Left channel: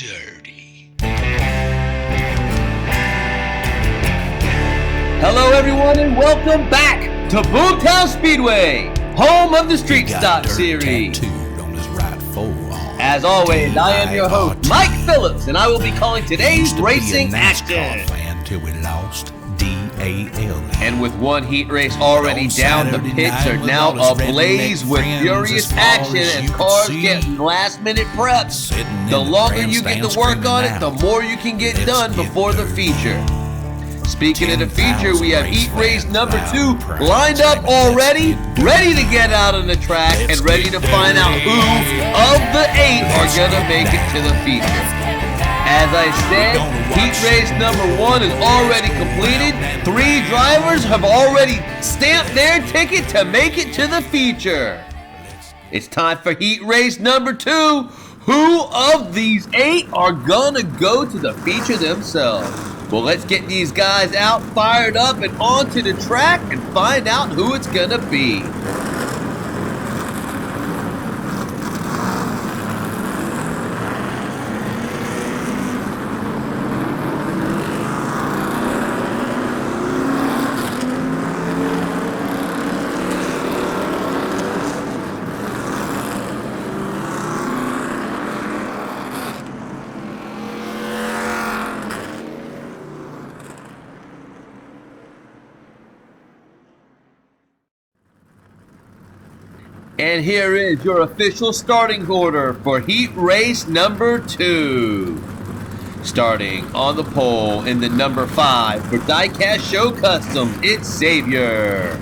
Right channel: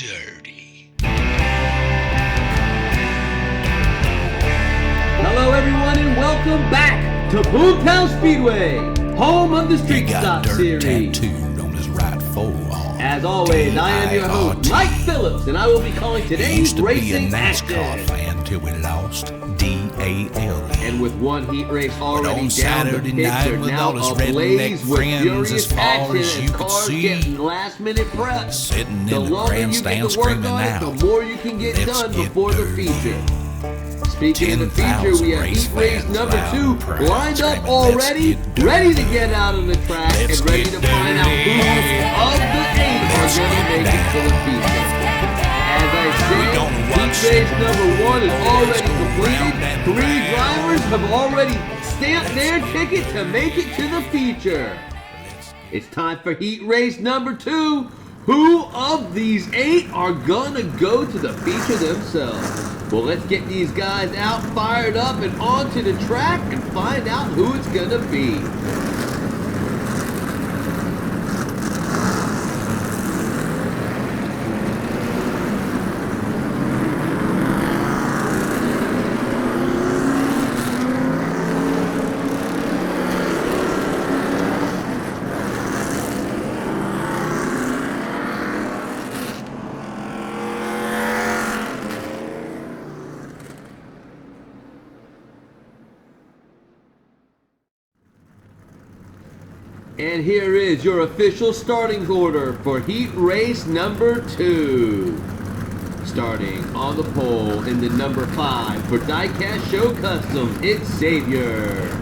dirty. Hello everyone and welcome back to Boomtown Speedway, home of the Street Stock Series. Tattooed on his right forearm. As always, I am your host, Mike Phillips, and I will be calling today's racing action. NASCAR fan till we lost DAL. And with one heat race already down, the pits are now ablaze with furious action as cars getting last-minute preps. The longer you get to work on it, the more you can get done before the feature. Speaking of the feature, we have heat race number 2 lined up already, ready to get out on the track and ready to find out who of the 8 are going to make it to the feature. As I said, heat race number 1 is already completed. 3 drivers have already stamped their ticket to make it to the feature. It's time for heat race number 2. Who of these 8 are gonna go to the feature themselves? Well, let's get these guys out, fired up, and onto the track and find out who it's gonna be. And here is your official starting order for heat race number 2. Starting on the pole in the number 5 for Diecast Show Customs, it's Xavier.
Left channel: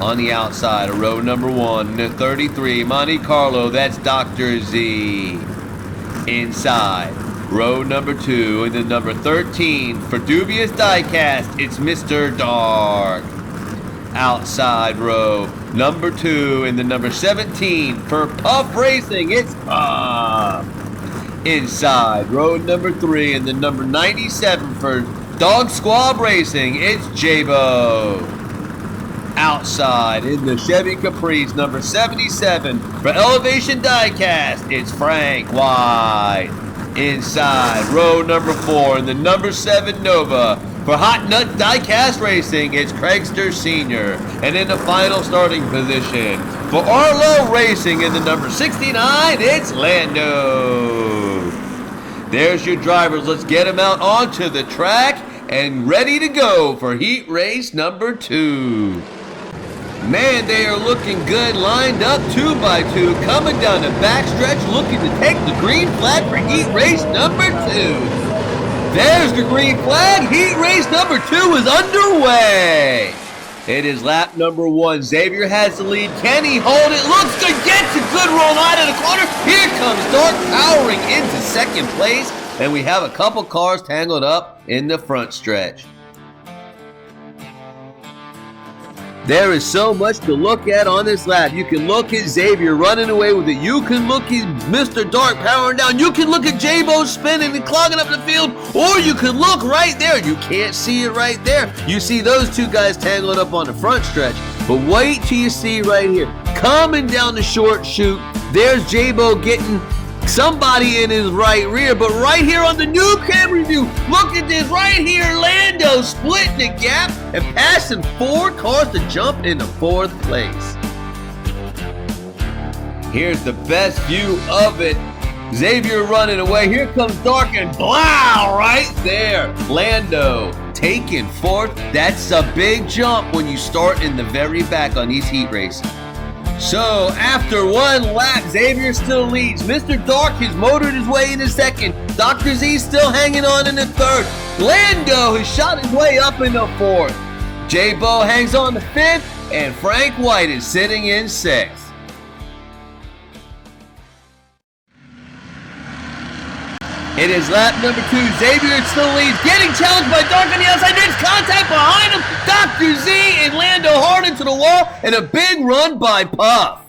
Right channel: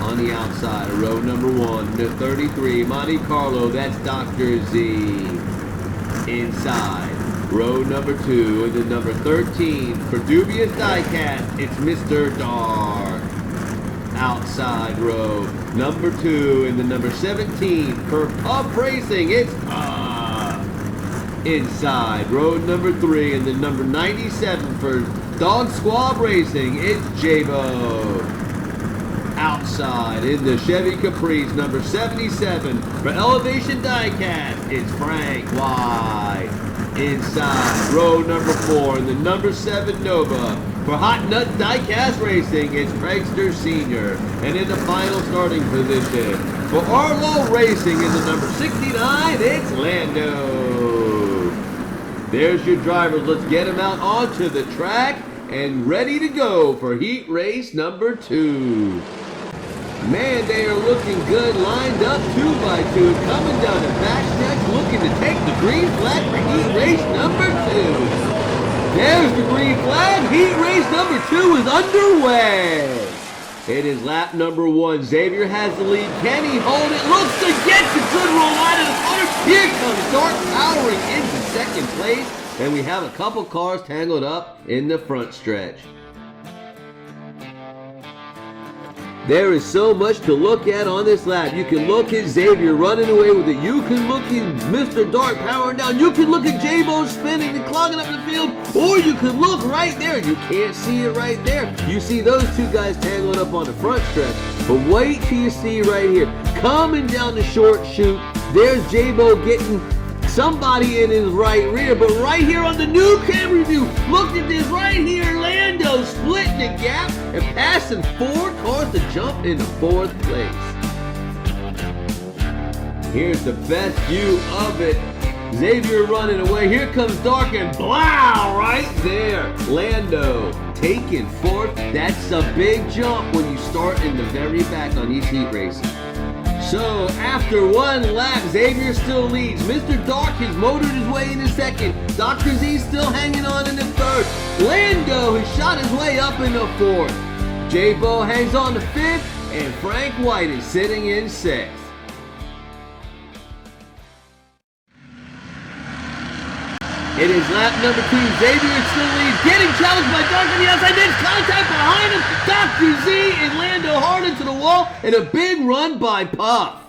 On the outside of row number 1, the 33 Monte Carlo, that's Dr. Z. Inside, row number 2 in the number 13 for Dubious Diecast, it's Mr. Dark. Outside row number 2 in the number 17 for Puff Racing, it's Puff. Inside row number 3 in the number 97 for Dog Squad Racing, it's J-Bo. Outside in the Chevy Caprice number 77 for Elevation Diecast, it's Frank White. Inside row number 4 in the number 7 Nova for Hot Nut Diecast Racing, it's Craigster Sr. And in the final starting position for Arlo Racing in the number 69, it's Lando. There's your drivers. Let's get them out onto the track and ready to go for heat race number 2. Man, they are looking good, lined up 2 by 2, coming down the backstretch, looking to take the green flag for heat race number 2. There's the green flag. Heat race number 2 is underway. It is lap number 1. Xavier has the lead. Can he hold it? Looks to get the good roll out of the corner. Here comes Dark powering into second place. And we have a couple cars tangled up in the front stretch. There is so much to look at on this lap. You can look at Xavier running away with it. You can look at Mr. Dark powering down. You can look at J-Bo spinning and clogging up the field. Or you can look right there. You can't see it right there. You see those 2 guys tangled up on the front stretch. But wait till you see right here. Coming down the short chute, there's J-Bo getting somebody in his right rear, but right here on the new camera view, look at this right here, Lando splitting the gap and passing 4 cars to jump into 4th place. Here's the best view of it. Xavier running away. Here comes Dark and blow right there. Lando taking 4th. That's a big jump when you start in the very back on these heat races. So, after 1 lap, Xavier still leads. Mr. Dark has motored his way into 2nd. Dr. Z still hanging on in the 3rd. Lando has shot his way up in the 4th. J-Bo hangs on the 5th, and Frank White is sitting in 6th. It is lap number 2. Xavier still leads. Getting challenged by Dark on the outside. There's contact behind him. Dr. Z and Lando hard into the wall. And a big run by Puff.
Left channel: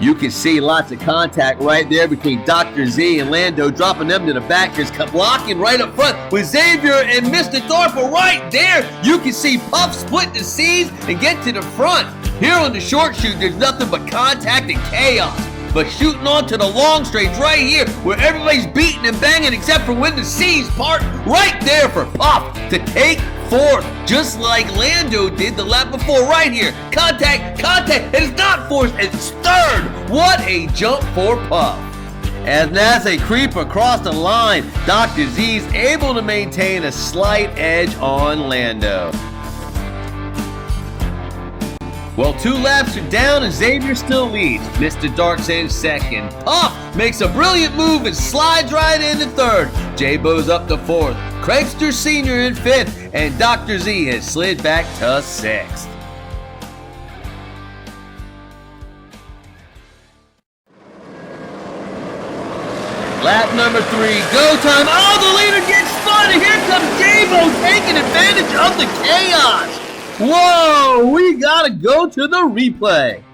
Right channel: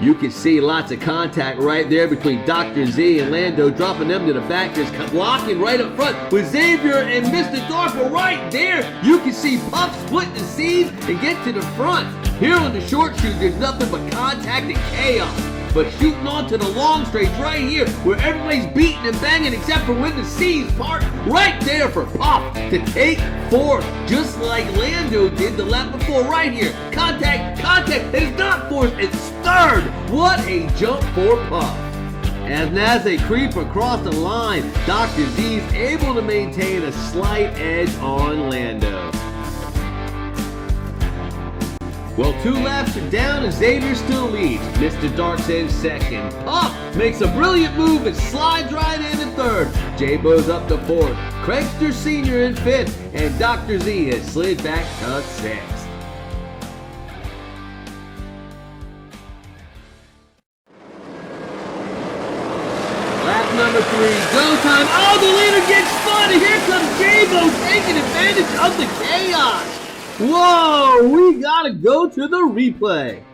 You can see lots of contact right there between Dr. Z and Lando, dropping them to the back. There's blocking right up front with Xavier and Mr. Dark right there. You can see Puff split the seas and get to the front. Here on the short chute, there's nothing but contact and chaos. but shooting onto the long straights right here where everybody's beating and banging except for when the C's part right there for Puff to take fourth, just like Lando did the lap before right here. Contact, and it's not fourth, it's third. What a jump for Puff. And as they creep across the line, Dr. Z's able to maintain a slight edge on Lando. Well, 2 laps are down and Xavier still leads. Mr. Dark's in second. Puff makes a brilliant move and slides right into third. J-Bo's up to fourth. Craigster Sr. in fifth. And Dr. Z has slid back to sixth. Lap number 3, go time. Oh, the leader gets spun, and here comes J-Bo taking advantage of the chaos. Whoa, we gotta go to the replay.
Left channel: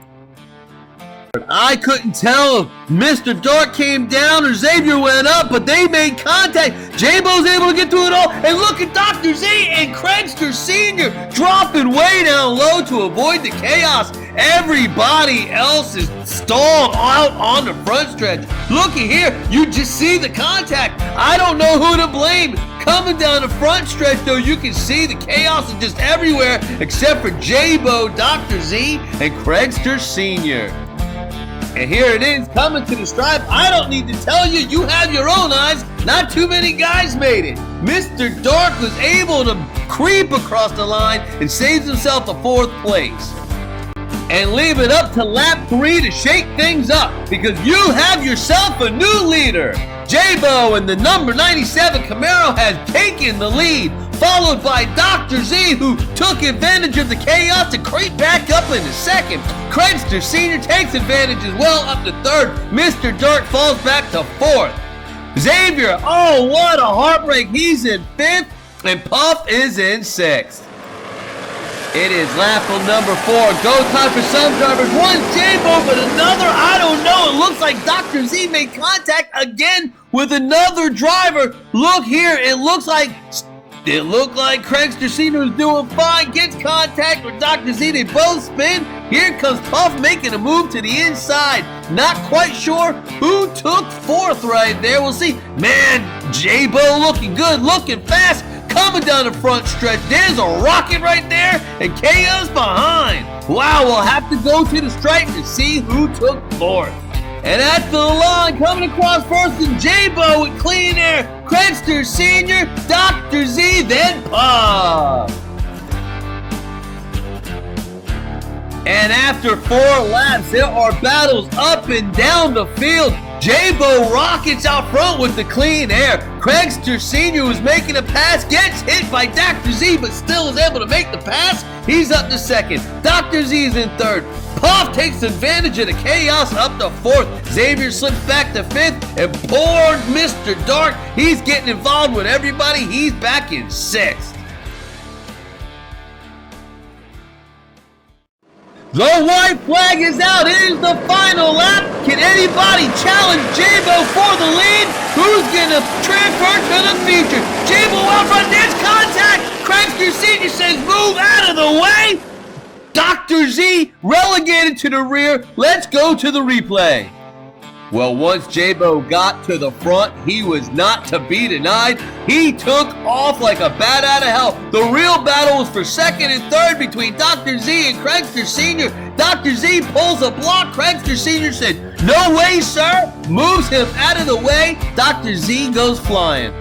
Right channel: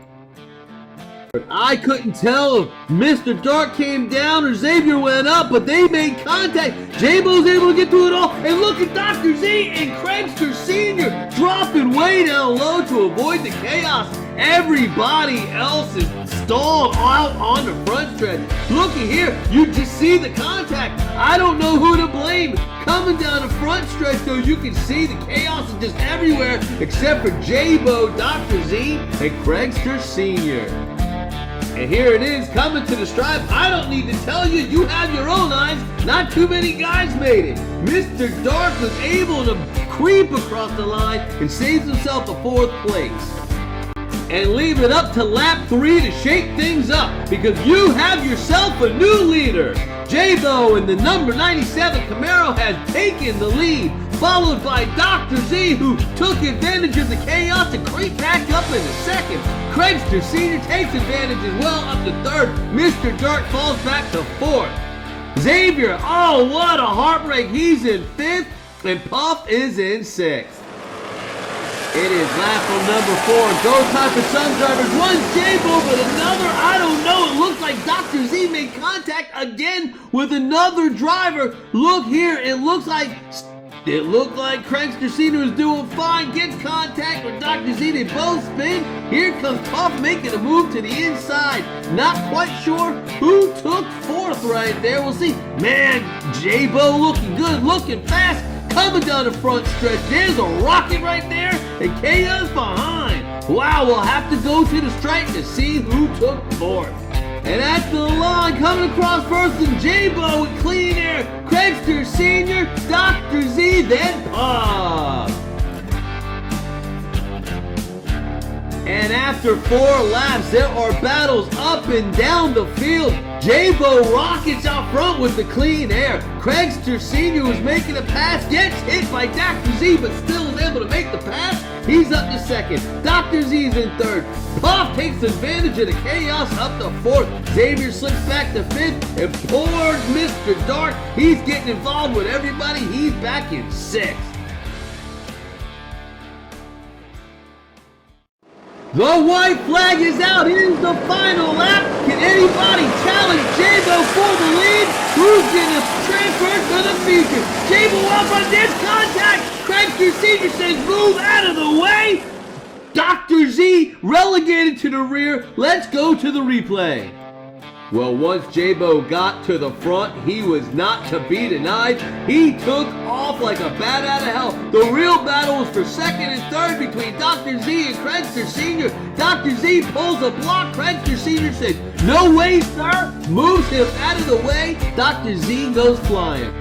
I couldn't tell if Mr. Dark came down or Xavier went up, but they made contact. J-Bo's able to get through it all, and look at Dr. Z and Craigster Sr. dropping way down low to avoid the chaos. Everybody else is stalled out on the front stretch. Looky here, you just see the contact. I don't know who to blame. Coming down the front stretch, though, you can see the chaos is just everywhere except for J-Bo, Dr. Z, and Craigster Sr. And here it is, coming to the stripe. I don't need to tell you, you have your own eyes. Not too many guys made it. Mr. Dark was able to creep across the line and saves himself a 4th place. And leave it up to lap 3 to shake things up, because you have yourself a new leader. J-Bo in the number 97 Camaro has taken the lead, followed by Dr. Z, who took advantage of the chaos to creep back up into second. Craigster Sr. takes advantage as well up to third. Mr. Dark falls back to fourth. Xavier, oh, what a heartbreak. He's in fifth, and Puff is in sixth. It is lap number 4. Go time for some drivers. One J-Bo, but another, I don't know. It looks like Dr. Z made contact again with another driver. Look here. It looked like Craigster Sr. was doing fine. Gets contact with Dr. Z. They both spin. Here comes Puff making a move to the inside. Not quite sure who took fourth right there. We'll see. Man, J-Bo looking good, looking fast. Coming down the front stretch, there's a rocket right there, and Chaos behind. Wow, we'll have to go to the stripe to see who took fourth. And at the line, coming across first, and J-Bo with clean air, Craigster Sr., Dr. Z, then Puff. And after 4 laps, there are battles up and down the field. J-Bo rockets out front with the clean air. Craigster Sr. was making a pass, gets hit by Dr. Z, but still is able to make the pass. He's up to second. Dr. Z is in third. Puff takes advantage of the chaos up to fourth. Xavier slips back to fifth, and poor Mr. Dark, he's getting involved with everybody. He's back in sixth. The white flag is out. It is the final lap. Can anybody challenge J-Bo for the lead? Who's going to transfer to the future? J-Bo out front. There's contact. Craigster Sr. says move out of the way. Dr. Z relegated to the rear. Let's go to the replay. Well, once J-Bo got to the front, he was not to be denied. He took off like a bat out of hell. The real battle was for second and third between Dr. Z and Craigster Sr. Dr. Z pulls a block. Craigster Sr. said, "No way, sir." Moves him out of the way. Dr. Z goes flying.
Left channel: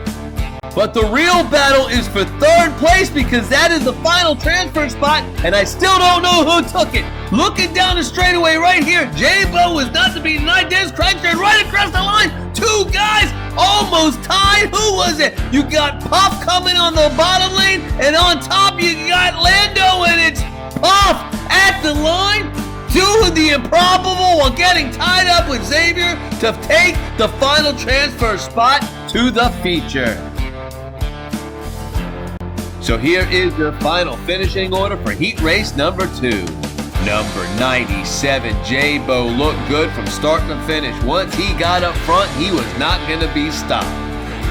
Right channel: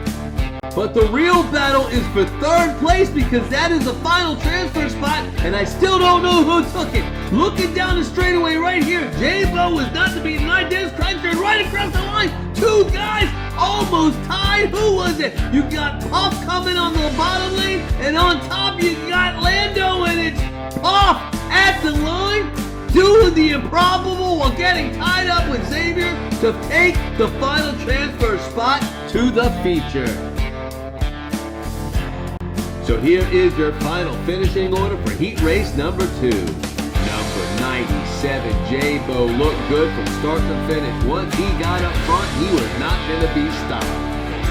But the real battle is for third place, because that is the final transfer spot, and I still don't know who took it. Looking down the straightaway right here, J-Bo was not to be denied. There's Craigster right across the line. 2 guys almost tied. Who was it? You got Puff coming on the bottom lane, and on top you got Lando, and it's Puff at the line, doing the improbable while getting tied up with Xavier to take the final transfer spot to the feature. So here is your final finishing order for heat race number 2. Number 97, J-Bo looked good from start to finish. Once he got up front, he was not going to be stopped.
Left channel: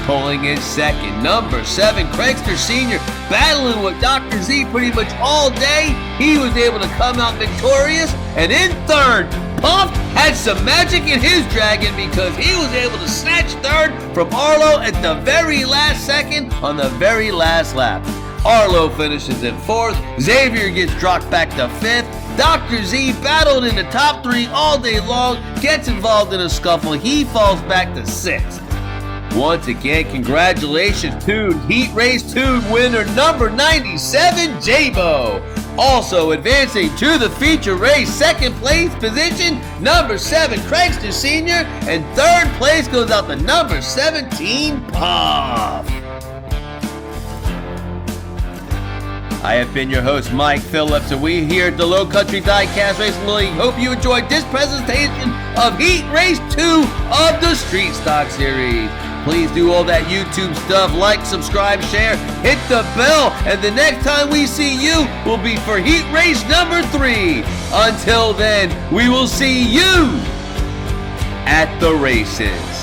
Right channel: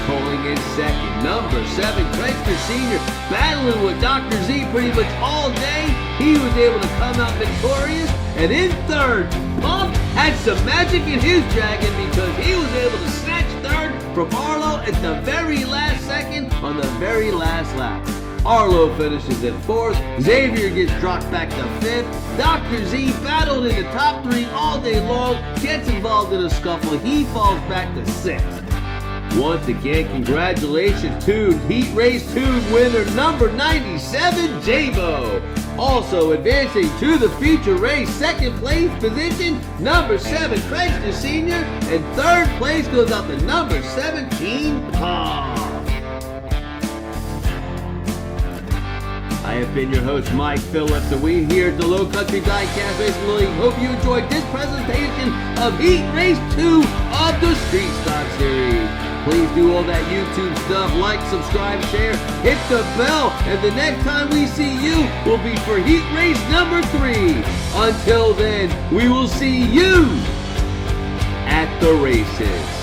Pulling in second, number 7, Craigster Sr. battling with Dr. Z pretty much all day. He was able to come out victorious. And in third, pumped, had some magic in his dragon because he was able to snatch third from Arlo at the very last second on the very last lap. Arlo finishes in fourth, Xavier gets dropped back to fifth, Dr. Z battled in the top three all day long, gets involved in a scuffle, he falls back to sixth. Once again, congratulations to Heat Race 2 winner number 97, J-Bo. Also advancing to the feature race, second place position, number 7, Craigster Sr., and third place goes out to number 17, Puff. I have been your host, Mike Phillips, and we here at the Low Country Diecast Racing League hope you enjoyed this presentation of Heat Race 2 of the Street Stock Series. Please do all that YouTube stuff, like, subscribe, share, hit the bell, and the next time we see you will be for Heat Race number 3. Until then, we will see you at the races.